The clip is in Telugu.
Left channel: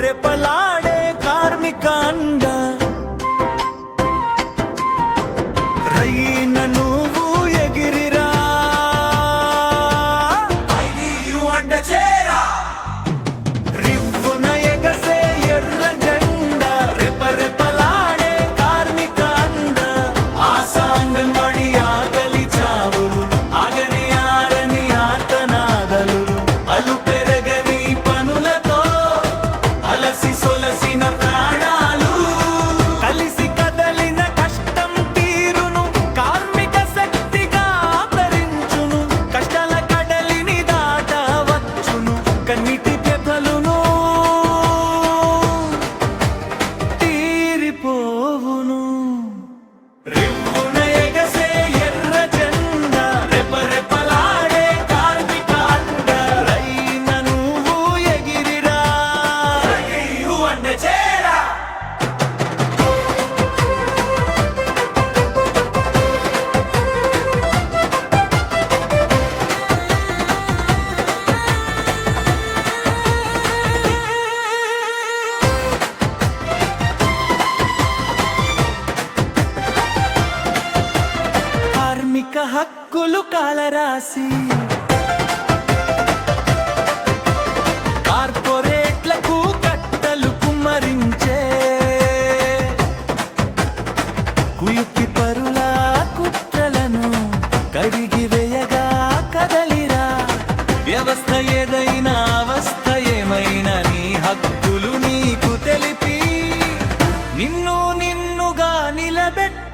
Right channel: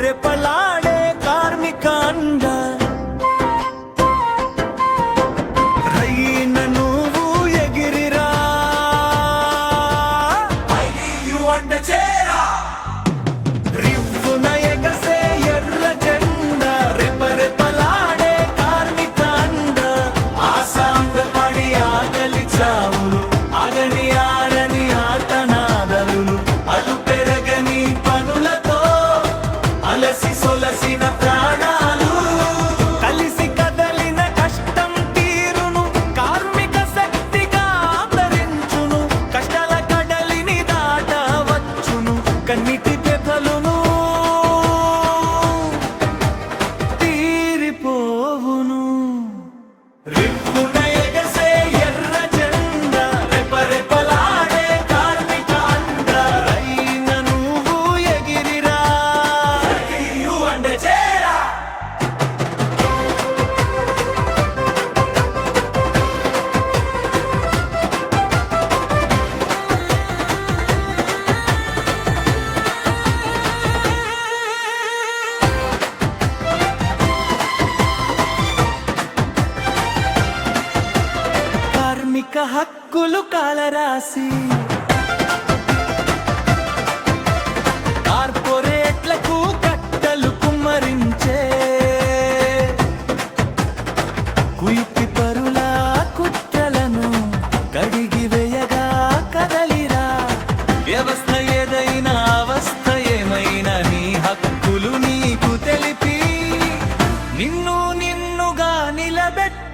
రెపరెపలాడే కార్మిక అండ రయ్యిన నువ్వు ఎగిరిరా రివ్వున ఎగసే ఎర్ర జెండా రెపరెపలాడే కార్మిక అండ ఆశా అంగన్వాడీ ఆకలి చావులు ఆగని ఆరని ఆర్తనాదలులు అలు పెరగని పనులతో అలసి సొలసిన ప్రాణాలు కలిసి కదలిన కష్టం తీరును కార్మిక శక్తిగా ఆదరించును కష్టాల కడలిని దాటవచ్చును కన్నిటి వ్యధలును తీరిపోవును రివ్వున ఎగసే ఎర్ర జెండా రెపరెపలాడే కార్మిక అండ రయ్యిన నువ్వు ఎగిరిరా కార్మిక హక్కులు కాలరాసి కార్పొరేట్లకు కట్టలు కుమ్మరించే కుయుక్తి పరుల కుట్రలను కడిగి వేయగా కదలిరా వ్యవస్థ ఏదైనా అవస్థ ఏమైనా నీ హక్కులు నీకు తెలిపి నిన్నుగా నిలబెట్టి